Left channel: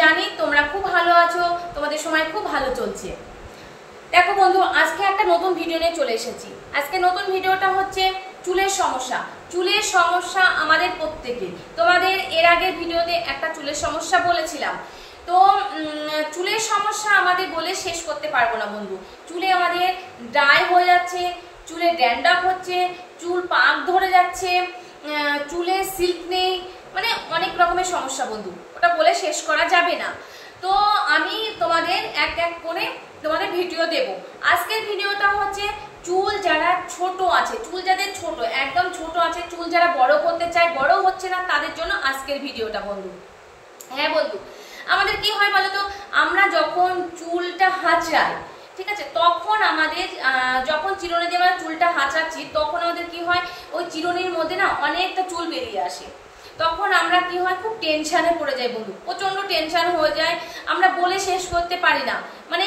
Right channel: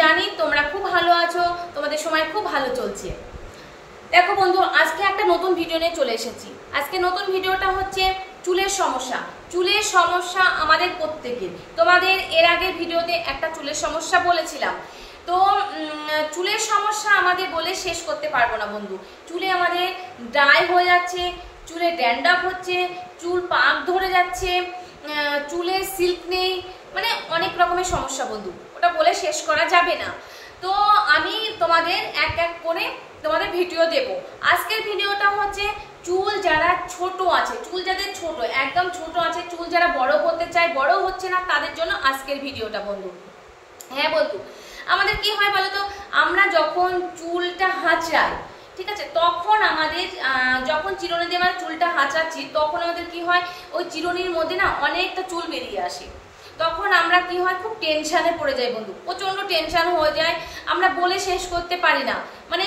জানি তোমরা খুব ভালো আছো, তোমাদের সময় খুব ভালো চলছে। দেখো বন্ধু, আজকে একটা নতুন ভিডিও নিয়ে চলে এসেছি। আজকে নতুন ভিডিওটা হচ্ছে চুলের সমস্যা। চুলের সমস্যা আমাদের প্রত্যেকের। তোমাদের এর আগের ভিডিওতে একটা চুলের সমস্যা বলেছিলাম, তো চুলের সমস্যা আমাদের বলে শেষ করতে পারবো না বন্ধু। চুলে আমাদের ড্রাই হয়ে যাচ্ছে, চুলে ড্যান্ড্রাফ হচ্ছে, চুল পাক ধরে যাচ্ছে, চুলে সিল্ক নেই, মানে অনেক রকমের সমস্যা বন্ধু, ওটা বলে শেষ করা যাবে না। তো আমি তোমাদের এক এক করে তোমাদের ভিডিও দেব। আজকের ভিডিওটা হচ্ছে চুল যারা ছোট আছে, চুল যাদের ছোট, একদম ছোট আছে, চুল যারা বড় করতে চায়, বড় হচ্ছে না, তাদের জন্য আজকের ভিডিওটা বন্ধু। হ্যাঁ বন্ধু, আমাদের কি হয় বলতো, আমরা যখন চুলটা হাঁচড়াই, ঠিক আছে, তখন আমাদের যখন চিরুনি দিয়ে আমরা চুলটা হাঁচাচ্ছি, তখন আমাদের কি হয়, ওই চিরুনির মধ্যে না অনেকটা চুল বেরিয়ে আসে। তখন আমরা কি হয়, খুব টেনশনে পড়ে যাই বন্ধু, প্রচন্ড টেনশন হয়ে যায়, আমরা বলে শেষ করতে পারি না। মানে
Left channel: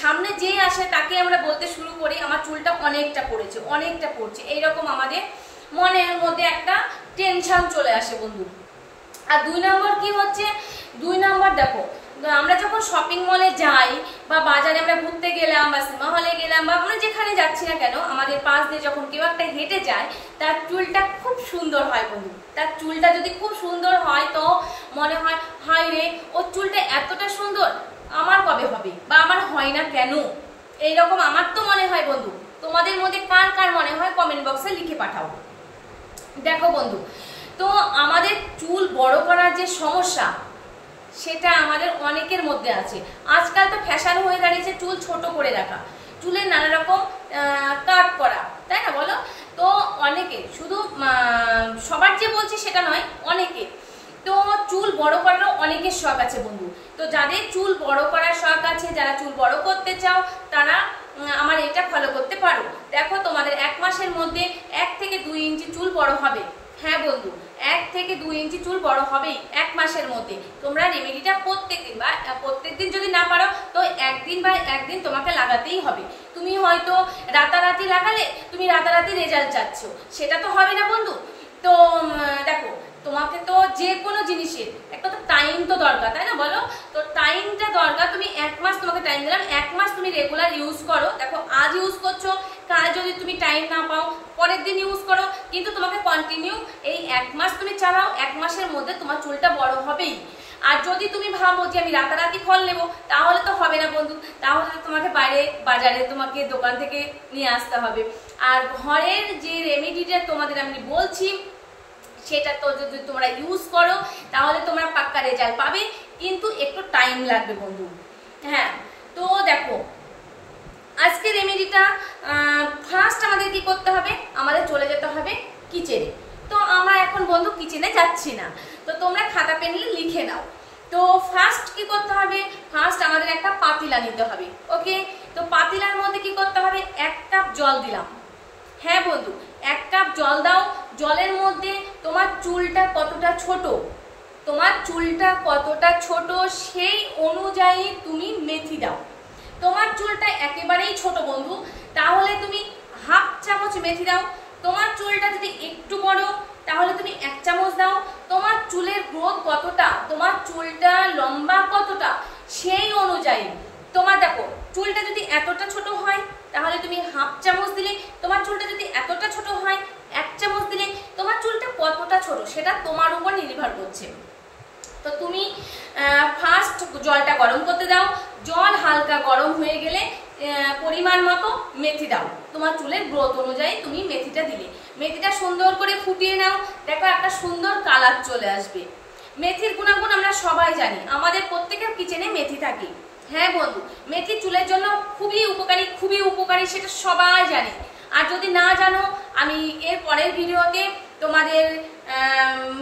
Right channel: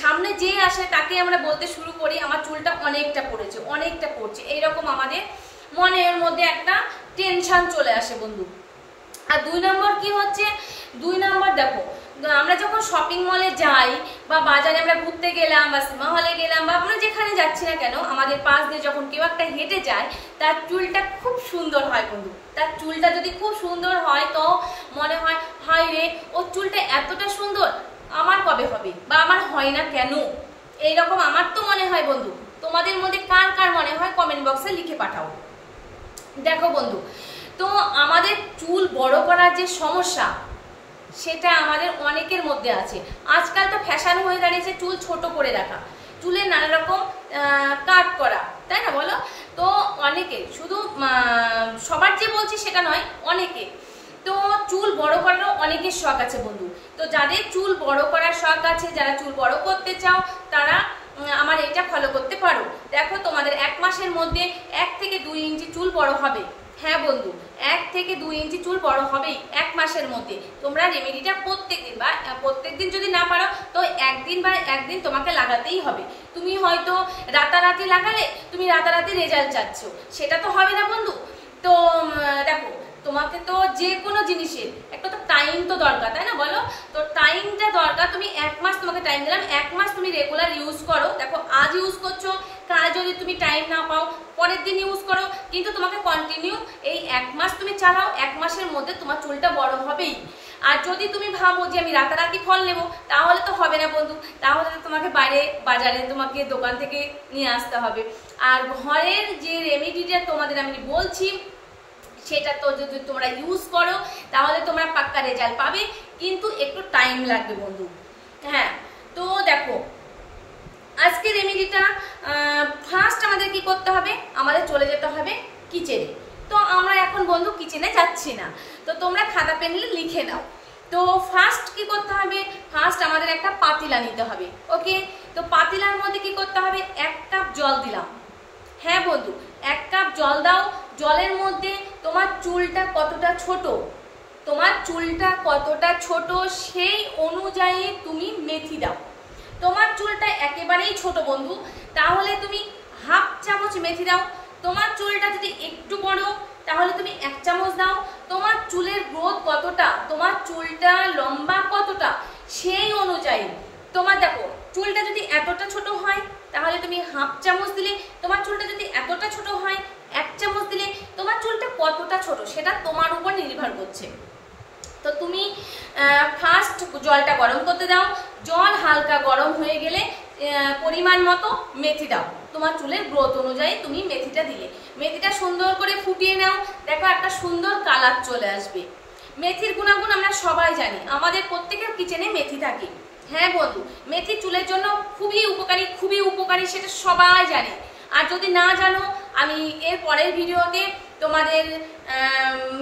সামনে যে আসে তাকে আমরা বলতে শুরু করি আমার চুলটা অনেকটা পড়েছে, অনেকটা পড়ছে, এইরকম আমাদের মনের মধ্যে একটা টেনশন চলে আসে বন্ধু। আর দুই নম্বর কি হচ্ছে, দুই নম্বর দেখো, আমরা যখন শপিং মলে যাই বা বাজারে আমরা ঘুরতে গেলাম বা সিনেমা হলে গেলাম বা আমরা যেখানে যাচ্ছি না কেন, আমাদের পাশ দিয়ে যখন কেউ একটা হেঁটে যায়, তার চুলটা খুব সুন্দর হয় বন্ধু। তার চুলটা যদি খুব সুন্দর হয় তো মনে হয়, হায় রে, ওর চুলটা এতটা সুন্দর, আমার কবে হবে বা আমার হয় না কেন, এইরকম আমার তো মনে হয় বন্ধু। তোমাদের মধ্যে কার কার মনে হয় কমেন্ট বক্সে লিখে পাঠাও। দেখো বন্ধু, তো আমাদের চুল বড় করার যে সমস্যা, সেটা আমাদের অনেকের মধ্যে আছে। আজকাল তো ফ্যাশন হয়ে দাঁড়িয়েছে চুল ছোট করে রাখা, চুলের নানা রকম কাট করা, তাই না বলো? তো অনেকে, শুধু সবার যে বলছি সেটা নয়, অনেকে তো চুল বড় করারও অনেকের শখ আছে বন্ধু। তো যাদের চুল বড় করার শখ আছে, যারা চুল বড় করতে চাও, তারা আমার এটা ফলো করতে পারো। দেখো, তোমাদের 1 মাসের মধ্যে 1 থেকে 2 ইঞ্চি চুল বড় হবে। হ্যাঁ বন্ধু, 1 থেকে 2 ইঞ্চি চুল বড় হবেই 1 মাসের মধ্যে। তোমরা রেমেডিটা প্রত্যেকদিন বা প্রত্যেকদিন যদি না পারো তো একদিন তোমাকে লাগাতেই হবে। তুমি হয়তো রাতারাতি লাগালে তুমি রাতারাতি রেজাল্ট চাচ্ছ, সেটা তো হবে না বন্ধু। তো দেখো, তোমাকে তো যে কোনো জিনিসের একটা তো টাইম তো দরকার, তাই না বলো? তো টাইমটা দরকার। তুমি 1 মাস তোমাকে টাইম দিলাম, 1 মাস তুমি রেগুলার ইউজ করো। দেখো, আজ ইউজ করছো, কাল যদি তুমি টাইম না পাও পরের দিন ইউজ করো, কিন্তু তোমাকে কন্টিনিউ এই 1 মাস তুমি চালাও। 1 মাসের মধ্যে তোমার চুলটা বড় হবেই। আর যদি তুমি ভাবো যে আমি রাতারাতি ফল নেবো, তাহলে তো হবে না বন্ধু, তাহলে তোমাকে বাইরে বাজারে তোমাকে দোকান থেকে নিয়ে আসতে হবে। আর ঘরের যে রেমেডিটা তোমাদের আমি বলছি, সেটা তো যদি তোমরা ইউজ করো তাহলে তোমরা পাক্কা রেজাল্ট পাবে, কিন্তু একটু টাইম লাগবে বন্ধু। হ্যাঁ, তো দেখো, আজকে রেমেডিটা ফার্স্ট আমাদের কি করতে হবে, আমাদের চলে যেতে হবে কিচেনে। তো আমরা এখন বন্ধু কিচেনে যাচ্ছি না, তো তোমরা খাতা পেন লিখে নাও। তো ফার্স্ট কি করতে হবে, ফার্স্ট আমাদের একটা পাতিলা নিতে হবে। ওকে, তো পাতিলার মধ্যে কি করতে হবে, 1 কাপ জল দিলাম। হ্যাঁ বন্ধু, 1 কাপ জল দাও। জলের মধ্যে তোমার চুলটা কতটা ছোট, তোমার চুলটা কতটা ছোট সেই অনুযায়ী তুমি মেথি দাও। তোমার চুলটা একেবারেই ছোট বন্ধু, তাহলে তুমি 1/2 চামচ মেথি দাও। তোমার চুলটা যদি একটু বড়, তাহলে তুমি 1 চামচ দাও। তোমার চুলের গ্রোথ কতটা, তোমার চুলটা লম্বা কতটা, সেই অনুযায়ী তোমার, দেখো, চুলটা যদি এতটা ছোট হয় তাহলে তুমি 1/2 চামচ দিলে, তোমার চুলটা যদি এতটা ছোট হয় 1 চামচ দিলে। তোমার চুলটা কতটা ছোট সেটা তোমার উপর নির্ভর করছে। তো তুমি ফার্স্ট জলটা গরম করতে দাও। জল হালকা গরম হয়ে গেলে পরিমাণ মতো মেথি দাও। তোমার চুলের গ্রোথ অনুযায়ী তুমি মেথিটা দিলে, মেথিটা সুন্দর করে ফুটিয়ে নাও। দেখো, একটা সুন্দর কালার চলে আসবে। মেথির গুণাগুণ আমরা সবাই জানি, আমাদের প্রত্যেকের কিচেনে মেথি থাকে। হ্যাঁ বন্ধু, মেথি চুলের জন্য খুবই উপকারী, খুবই উপকারী, সেটা সবাই জানে। আর যদি না জানো, আমি এর পরের ভিডিওতে তোমাদের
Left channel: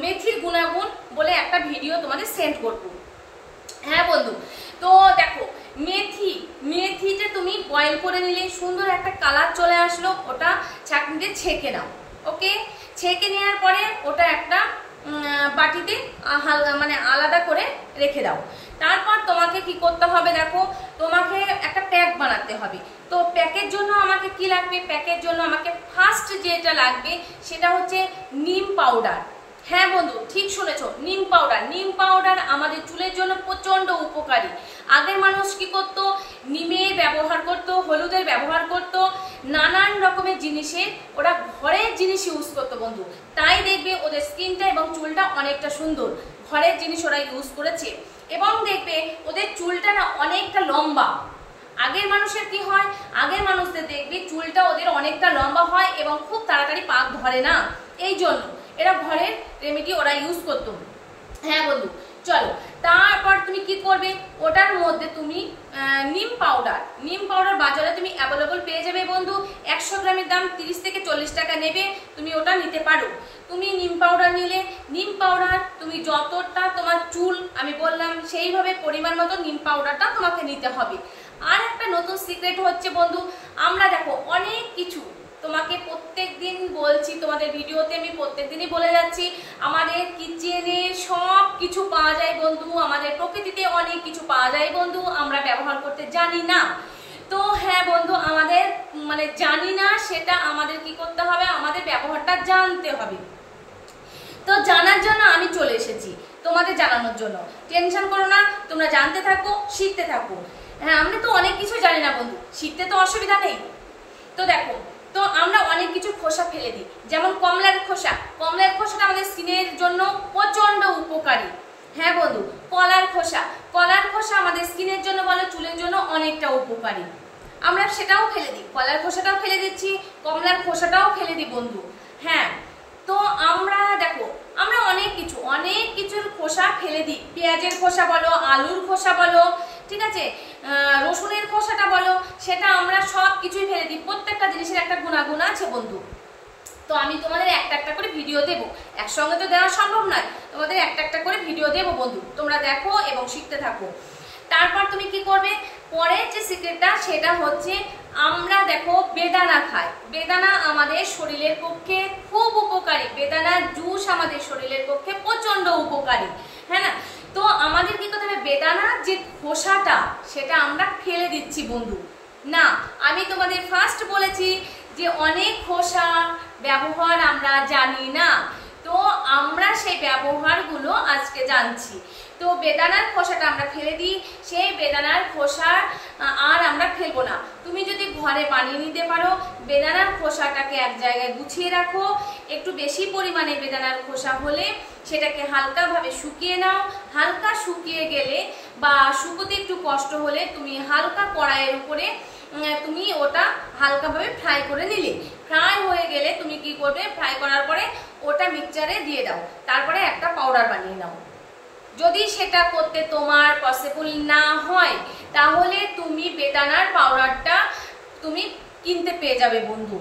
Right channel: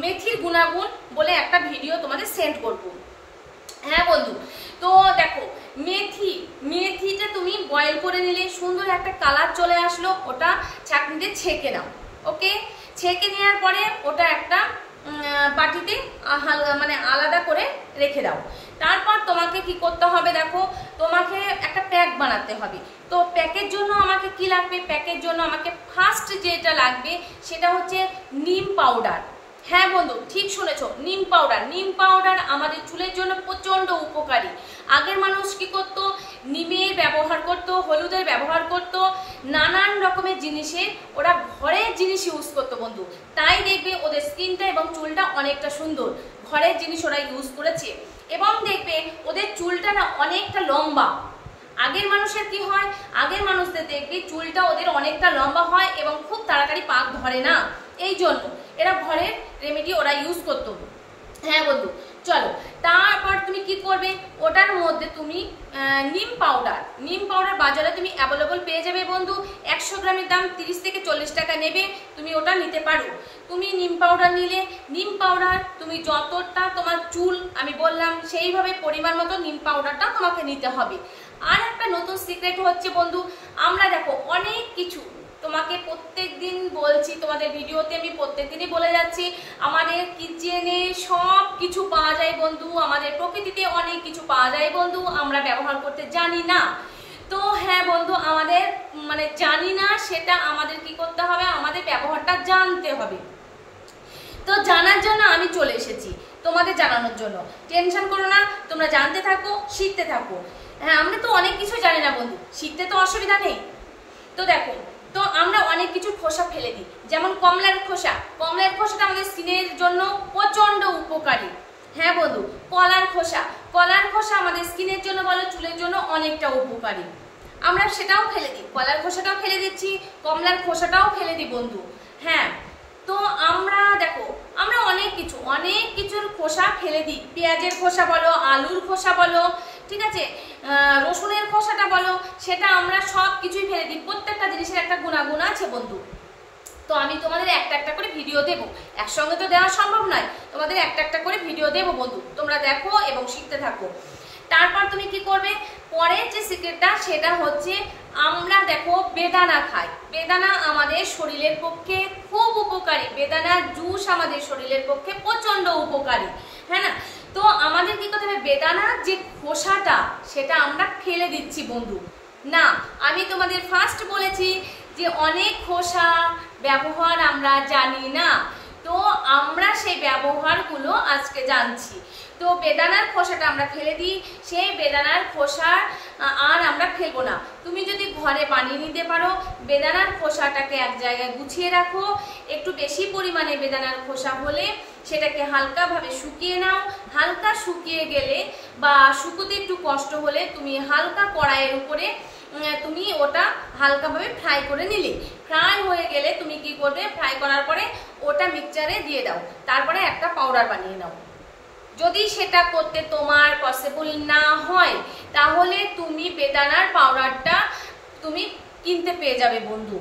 মেথির গুণাগুণ বলে একটা ভিডিও তোমাদের সেন্ড করব। হ্যাঁ বন্ধু, তো দেখো, মেথিটা তুমি বয়েল করে নিলে, সুন্দর একটা কালার চলে আসলো, ওটা ছাঁকনিতে ছেঁকে নাও। ওকে, ছেঁকে নেওয়ার পরে ওটা একটা বাটিতে মানে আলাদা করে রেখে দাও। তারপর তোমাকে কি করতে হবে, দেখো, তোমাকে একটা প্যাক বানাতে হবে। তো প্যাকের জন্য আমাকে কি লাগবে, প্যাকের জন্য আমাকে ফার্স্ট যেটা লাগবে সেটা হচ্ছে নিম পাউডার। হ্যাঁ বন্ধু, ঠিক শুনেছো, নিম পাউডার আমাদের চুলের জন্য প্রচন্ড উপকারী। আগের মানুষ কি করত, নিমের ব্যবহার করত, হলুদের ব্যবহার করত, নানান রকমের জিনিসের ওরা ঘরের জিনিস ইউজ করতো বন্ধু। তাই দেখবে ওদের স্কিনটা এবং চুলটা অনেকটা সুন্দর, ঘরের জিনিস ওরা ইউজ করেছে। এবং দেখবে ওদের চুলটা না অনেকটা লম্বা। আগের মানুষের কি হয়, আগের মানুষদের দেখবে চুলটা ওদের অনেকটা লম্বা হয় এবং খুব তাড়াতাড়ি পাক ধরে না, এই জন্য এরা ঘরের রেমেডি ওরা ইউজ করতো। হ্যাঁ বন্ধু, চলো তারপর তুমি কি করবে, ওটার মধ্যে তুমি নিম পাউডার বাজারে তুমি অ্যাভেলেবল পেয়ে যাবে বন্ধু। 100 গ্রামের দাম 30 থেকে 40 টাকা নেবে, তুমি ওটা নিতে পারো। তুমি নিম পাউডার নিলে, নিম পাউডার তুমি যতটা তোমার চুল আমি বললাম সেইভাবে পরিমাণ মতো নিম পাউডারটা তোমাকে নিতে হবে। আর একটা নতুন সিক্রেট হচ্ছে বন্ধু, আমরা দেখো অনেক কিছু তোমাকে প্রত্যেকদিন বলছি, তোমাদের ভিডিওতে আমি প্রত্যেকদিনই বলে যাচ্ছি, আমাদের কিচেনে সব কিছু পাওয়া যায় বন্ধু, আমাদের প্রকৃতিতে অনেক কিছু পাওয়া যায় বন্ধু, আমরা ব্যবহার করতে জানি না। তো হ্যাঁ বন্ধু, আমাদের মানে জানি না, সেটা আমাদের কি করতে হবে, আমাদের ব্যবহারটা জানতে হবে। তো জানার জন্য আমি চলে এসেছি, তোমাদের জানানোর জন্য। টেনশন করো না, তোমরা জানতে থাকো, শিখতে থাকো। হ্যাঁ, আমরা তো অনেক কিছু জানি না বন্ধু, শিখতে তো অসুবিধা নেই। তো দেখো, তো আমরা অনেক কিছু খোসা ফেলে দিই, যেমন কমলার খোসাটা আমাদের স্কিনের জন্য প্রচন্ড উপকারী। হ্যাঁ বন্ধু, কলার খোসা আমাদের স্কিনের জন্য বলো চুলের জন্য অনেকটা উপকারী। আমরা সেটাও ফেলে দিই, কলার খোসাটাও ফেলে দিচ্ছি, কমলার খোসাটাও ফেলে দিই বন্ধু। হ্যাঁ, তো আমরা দেখো, আমরা অনেক কিছুর খোসা ফেলে দিই। পেঁয়াজের খোসা বলো, আলুর খোসা বলো, ঠিক আছে, রসুনের খোসাটা বলো, সেটা আমরা সব কিছুই ফেলে দিই। প্রত্যেকটা জিনিসের একটা গুণাগুণ আছে বন্ধু। তো আমি তোমাদের একটা একটা করে ভিডিও দেবো, একসঙ্গে তো দেওয়া সম্ভব নয়, তোমাদের একটা একটা করে ভিডিও দেবো বন্ধু, তোমরা দেখো এবং শিখতে থাকো। তারপর তুমি কি করবে, পরের যে সিক্রেটটা সেটা হচ্ছে, আমরা দেখো বেদানা খাই, বেদানা আমাদের শরীরের পক্ষে খুব উপকারী, বেদানা জুস আমাদের শরীরের পক্ষে প্রচন্ড উপকারী। হ্যাঁ না, তো আমাদের কি করতে হবে, বেদানার যে খোসাটা সেটা আমরা ফেলে দিচ্ছি বন্ধু। না, আমি তোমাদের ফার্স্ট বলেছি যে অনেক খোসা ব্যবহার আমরা জানি না, তো আমরা সেই ব্যবহারগুলো আজকে জানছি। তো বেদানার খোসাটা আমরা ফেলে দিই, সেই বেদানার খোসা আর আমরা ফেলবো না। তুমি যদি ঘরে বানিয়ে নিতে পারো, বেদানার খোসাটাকে এক জায়গায় গুছিয়ে রাখো, একটু বেশি পরিমাণে বেদানার খোসা হলে সেটাকে হালকাভাবে শুকিয়ে নাও। হালকা শুকিয়ে গেলে বা শুকোতে একটু কষ্ট হলে তুমি হালকা কড়াইয়ের উপরে তুমি ওটা হালকাভাবে ফ্রাই করে নিলে, ফ্রাই হয়ে গেলে তুমি কি করবে, ফ্রাই করার পরে ওটা মিক্সচারে দিয়ে দাও, তারপরে একটা পাউডার বানিয়ে নাও। যদি সেটা করতে তোমার পসিবল না হয়, তাহলে তুমি বেদানার পাউডারটা তুমি কিনতে পেয়ে যাবে বন্ধু,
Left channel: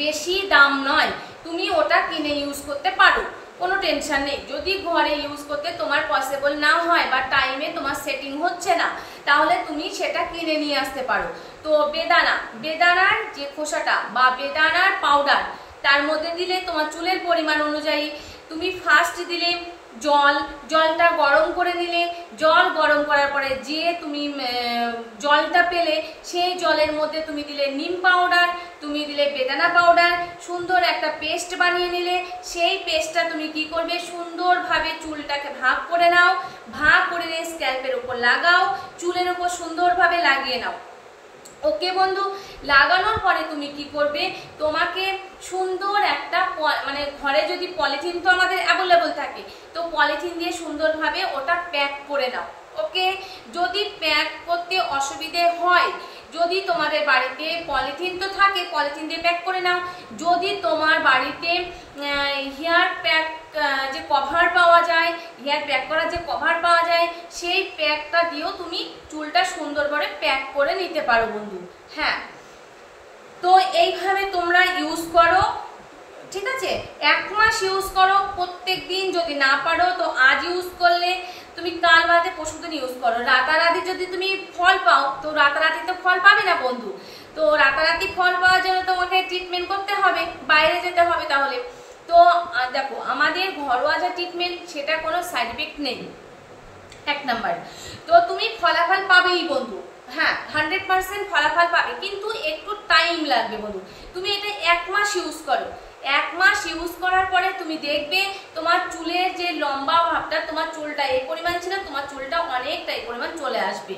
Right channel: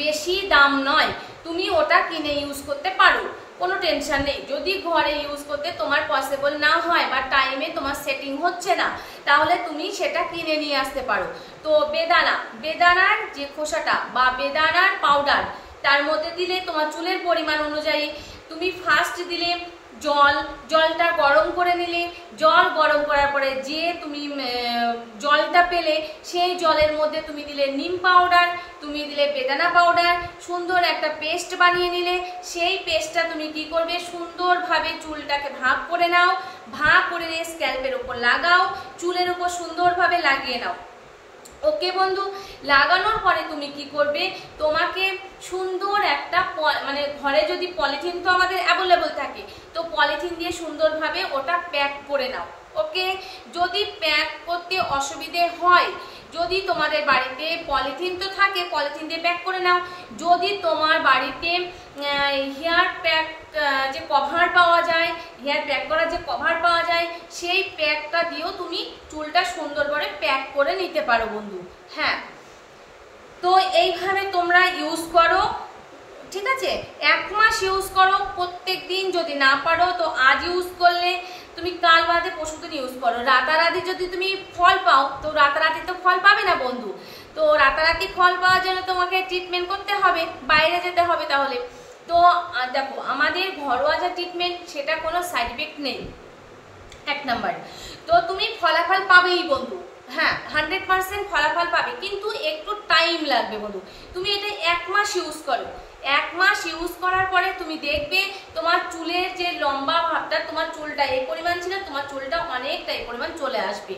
বেশি দাম নয়, তুমি ওটা কিনে ইউজ করতে পারো, কোনো টেনশন নেই। যদি ঘরে ইউজ করতে তোমার পসিবল না হয় বা টাইমে তোমার সেটিং হচ্ছে না, তাহলে তুমি সেটা কিনে নিয়ে আসতে পারো। তো বেদানার যে খোসাটা বা বেদানার পাউডার, তার মধ্যে দিলে তোমার চুলের পরিমাণ অনুযায়ী তুমি ফার্স্ট দিলে জলটা গরম করে নিলে, জল গরম করার পরে যে তুমি জলটা পেলে সেই জলের মধ্যে তুমি দিলে নিম পাউডার, তুমি দিলে বেদানা পাউডার, সুন্দর একটা পেস্ট বানিয়ে নিলে। সেই পেস্টটা তুমি কি করবে, সুন্দরভাবে চুলটাকে ভাগ করে নাও, ভাগ করে স্ক্যাল্পের উপর লাগাও, চুলের উপর সুন্দরভাবে লাগিয়ে নাও। ওকে বন্ধু, লাগানোর পরে তুমি কি করবে, তোমাকে সুন্দর একটা মানে ঘরে যদি পলিথিন তো আমাদের অ্যাভেলেবল থাকে, তো পলিথিন দিয়ে সুন্দরভাবে ওটা প্যাক করে নাও। ওকে, যদি প্যাক করতে অসুবিধে হয়, যদি তোমাদের বাড়িতে পলিথিন তো থাকে, পলিথিন দিয়ে প্যাক করে নাও। যদি তোমার বাড়িতে হেয়ার প্যাক যে কভার পাওয়া যায়, হেয়ার প্যাক করার যে কভার পাওয়া যায়, সেই প্যাকটা দিয়েও তুমি চুলটা সুন্দর করে প্যাক করে নিতে পারো বন্ধু। হ্যাঁ, তো এইভাবে তোমরা ইউজ করো, ঠিক আছে, 1 মাস ইউজ করো প্রত্যেক দিন। যদি না পারো তো আজ ইউজ করলে তুমি কাল বাদে পরশুদিন ইউজ করো। রাতারাতি যদি তুমি ফল পাও, তো রাতারাতি তো ফল পাবে না বন্ধু, তো রাতারাতি ফল পাওয়ার জন্য তোমাকে ট্রিটমেন্ট করতে হবে, বাইরে যেতে হবে। তাহলে তো দেখো, আমাদের ঘরোয়া যে ট্রিটমেন্ট, সেটা কোনো সাইড ইফেক্ট নেই, 1 নাম্বার। তো তুমি ফলাফল পাবেই বন্ধু, হ্যাঁ 100% ফলাফল পাবে, কিন্তু একটু টাইম লাগবে বন্ধু। তুমি এটা 1 মাস ইউজ করো, 1 মাস ইউজ করার পরে তুমি দেখবে তোমার চুলের যে লম্বা ভাবটা, তোমার চুলটা এই পরিমাণ ছিল, তোমার চুলটা অনেকটা এই পরিমাণ চলে আসবে।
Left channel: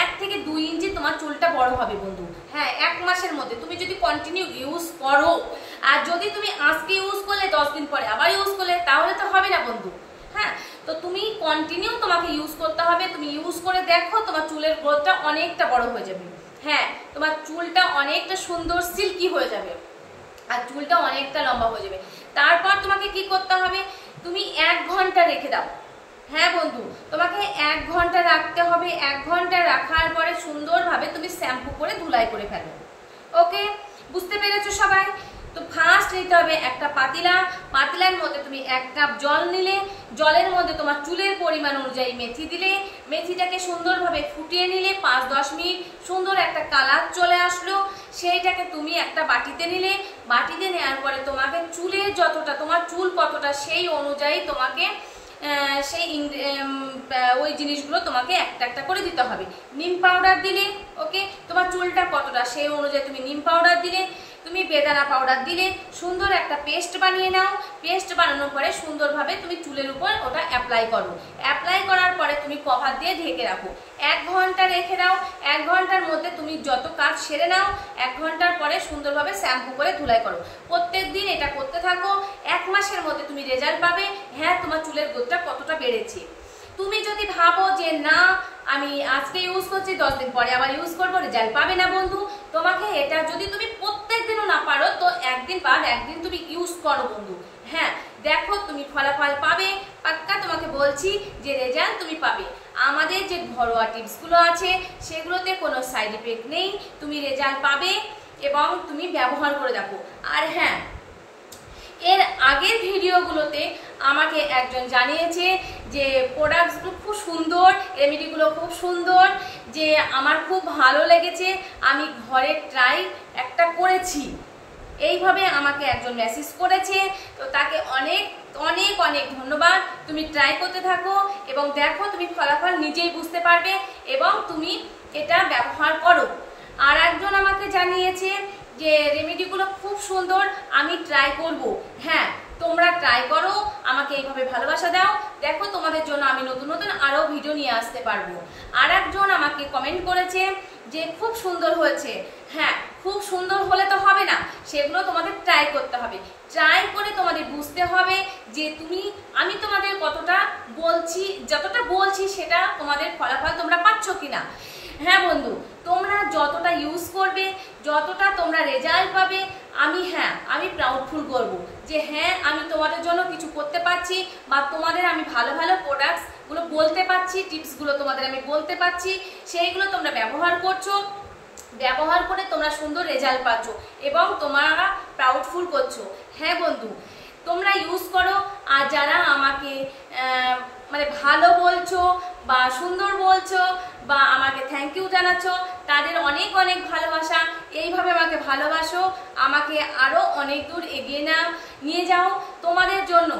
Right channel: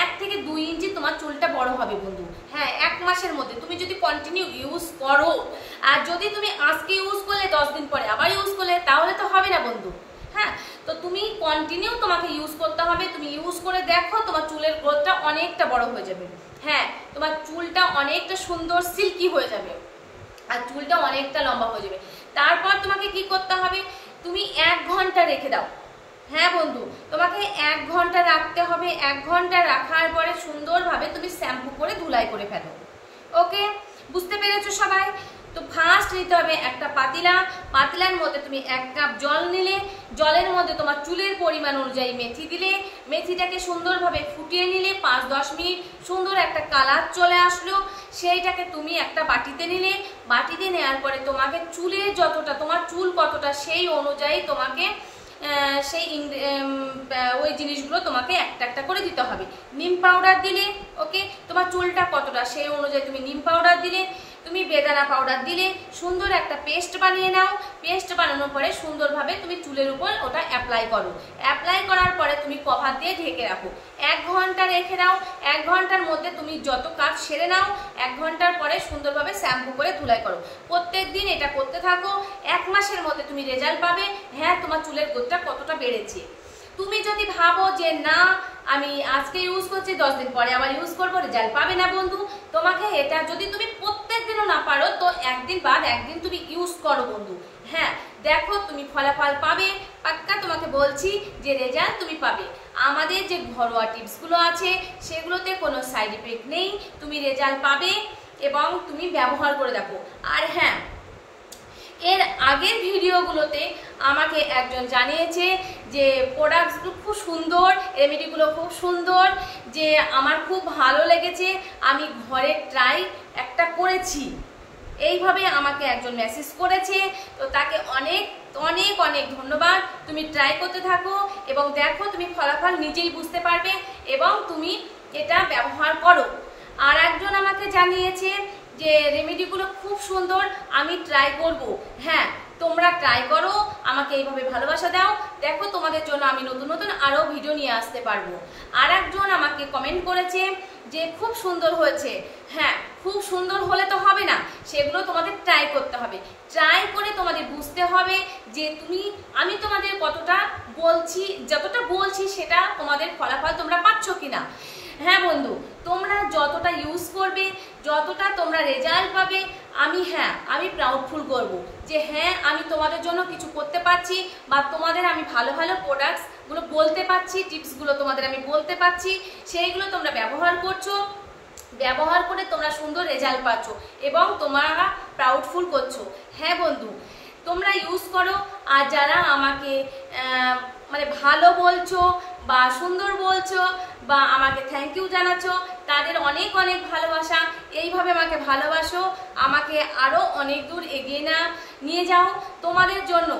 1 থেকে 2 ইঞ্চি তোমার চুলটা বড় হবে বন্ধু। হ্যাঁ, 1 মাসের মধ্যে তুমি যদি কন্টিনিউ ইউজ করো। আর যদি তুমি আজকে ইউজ করলে 10 দিন পরে আবার ইউজ করলে, তাহলে তো হবে না বন্ধু। হ্যাঁ, তো তুমি কন্টিনিউ তোমাকে ইউজ করতে হবে। তুমি ইউজ করে দেখো, তোমার চুলের গ্রোথটা অনেকটা বড় হয়ে যাবে। হ্যাঁ, তোমার চুলটা অনেকটা সুন্দর সিল্কি হয়ে যাবে আর চুলটা অনেকটা লম্বা হয়ে যাবে। তারপর তোমাকে কি করতে হবে, তুমি 1 ঘন্টা রেখে দাও। হ্যাঁ বন্ধু, তোমাকে 1 ঘন্টা রাখতে হবে। 1 ঘন্টা রাখার পরে সুন্দরভাবে তুমি শ্যাম্পু করে ধুলাই করে ফেলো। ওকে, বুঝতে পেরেছো সবাই? তো ফার্স্ট নিতে হবে একটা পাতিলা। পাতিলার মধ্যে তুমি 1 কাপ জল নিলে, জলের মধ্যে তোমার চুলের পরিমাণ অনুযায়ী মেথি দিলে, মেথিটাকে সুন্দরভাবে ফুটিয়ে নিলে, 5-10 মিনিট সুন্দর একটা কালার চলে আসলো। সেইটাকে তুমি একটা বাটিতে নিলে, বাটিতে নেওয়ার পরে তোমাকে চুলের যতটা, তোমার চুল কতটা সেই অনুযায়ী তোমাকে সেই ওই জিনিসগুলো তোমাকে একটা একটা করে দিতে হবে। নিম পাউডার দিলে, ওকে, তোমার চুলটা কতটা সেই অনুযায়ী তুমি নিম পাউডার দিলে, তুমি বেদানা পাউডার দিলে, সুন্দর একটা পেস্ট বানিয়ে নাও। পেস্ট বানানোর পরে সুন্দরভাবে তুমি চুলের উপর ওটা অ্যাপ্লাই করো। অ্যাপ্লাই করার পরে তুমি কভার দিয়ে ঢেকে রাখো। 1 ঘন্টা রেখে দাও। 1 ঘন্টার মধ্যে তুমি যত কাজ সেরে নাও। 1 ঘন্টার পরে সুন্দরভাবে শ্যাম্পু করে ধুলাই করো। প্রত্যেক দিন এটা করতে থাকো। 1 মাসের মধ্যে তুমি রেজাল্ট পাবে। হ্যাঁ, তোমার চুলের গ্রোথটা কতটা বেড়েছে। তুমি যদি ভাবো যে না আমি আজকে ইউজ করছি 10 দিন পরে আবার ইউজ করবো, রেজাল্ট পাবে না বন্ধু। তোমাকে এটা যদি তুমি প্রত্যেক দিনও না পারো, তো একদিন বাদ একদিন তুমি ইউজ করো বন্ধু। হ্যাঁ, দেখো তুমি ফলাফল পাবে, পাক্কা তোমাকে বলছি যে রেজাল্ট তুমি পাবে। আমাদের যে ঘরোয়া টিপসগুলো আছে সেগুলোতে কোনো সাইড ইফেক্ট নেই, তুমি রেজাল্ট পাবে এবং তুমি ব্যবহার করে দেখো। আর হ্যাঁ, এর আগের ভিডিওগুলোতে আমাকে একজন জানিয়েছে যে প্রোডাক্টসগুলো খুব সুন্দর, রেমেডিগুলো খুব সুন্দর, যে আমার খুব ভালো লেগেছে, আমি ঘরে ট্রাই একটা করেছি। এইভাবে আমাকে একজন মেসেজ করেছে। তো তাকে অনেক অনেক অনেক ধন্যবাদ। তুমি ট্রাই করতে থাকো এবং দেখো তুমি ফলাফল নিজেই বুঝতে পারবে এবং তুমি এটা ব্যবহার করো। আর একজন আমাকে জানিয়েছে যে রেমেডিগুলো খুব সুন্দর, আমি ট্রাই করব। হ্যাঁ, তোমরা ট্রাই করো, আমাকে এইভাবে ভালোবাসা দাও। দেখো তোমাদের জন্য আমি নতুন নতুন আরো ভিডিও নিয়ে আসতে পারবো। আর একজন আমাকে কমেন্ট করেছে যে খুব সুন্দর হয়েছে। হ্যাঁ, খুব সুন্দর হলে তো হবে না, সেগুলো তোমাদের ট্রাই করতে হবে। ট্রাই করে তোমাদের বুঝতে হবে যে আমি তোমাদের কতটা বলছি, যতটা বলছি সেটা তোমাদের ফলাফল তোমরা পাচ্ছ কিনা। হ্যাঁ বন্ধু, তোমরা যতটা ইউজ করবে, যতটা তোমরা রেজাল্ট পাবে, আমি প্রাউডফুল করব যে হ্যাঁ আমি তোমাদের জন্য কিছু করতে পারছি, বা তোমাদের আমি ভালো ভালো প্রোডাক্টস গুলো বলতে পারছি, টিপস গুলো তোমাদের আমি বলতে পারছি, সেইগুলো তোমরা ব্যবহার করছো, ব্যবহার করে তোমরা সুন্দর রেজাল্ট পাচ্ছ এবং তোমরা প্রাউডফুল করছো। হ্যাঁ বন্ধু, তোমরা ইউজ করো। আর যারা আমাকে মানে ভালো বলছো বা সুন্দর বলছো বা আমাকে থ্যাংক ইউ জানাচ্ছ, তাদের অনেক অনেক ভালোবাসা। এইভাবে আমাকে ভালোবাসো, আমাকে আরো অনেক দূর এগিয়ে নিয়ে যাও। তোমাদের জন্য,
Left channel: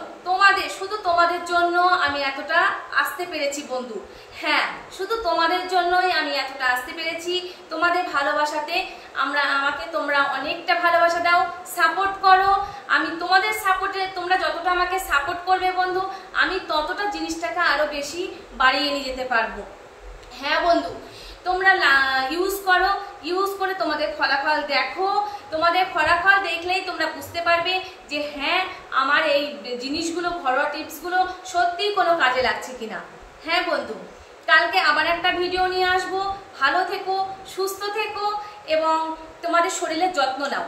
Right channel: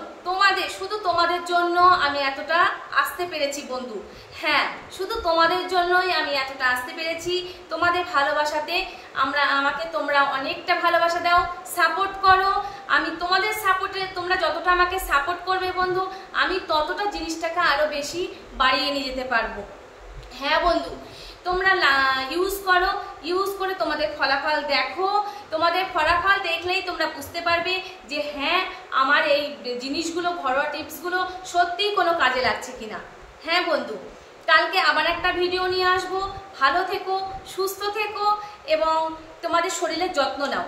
শুধু তোমাদের জন্য আমি এতটা আসতে পেরেছি বন্ধু। হ্যাঁ, শুধু তোমাদের জন্যই আমি এতটা আসতে পেরেছি। তোমাদের ভালোবাসাতে আমাকে তোমরা অনেকটা ভালোবাসা দাও, সাপোর্ট করো। আমি তোমাদের সাপোর্টে, তোমরা যতটা আমাকে সাপোর্ট করবে বন্ধু, আমি ততটা জিনিসটাকে আরো বেশি বাড়িয়ে নিয়ে যেতে পারবো। হ্যাঁ বন্ধু, তোমরা ইউজ করো, ইউজ করে তোমাদের ফলাফল দেখো। তোমাদের ফলাফল দেখলেই তোমরা বুঝতে পারবে যে হ্যাঁ আমার এই জিনিসগুলো, ঘরোয়া টিপসগুলো সত্যিই কোনো কাজে লাগছে কিনা। হ্যাঁ বন্ধু, কালকে আবার একটা ভিডিও নিয়ে আসবো। ভালো থেকো, সুস্থ থেকো এবং তোমাদের শরীরের যত্ন নাও।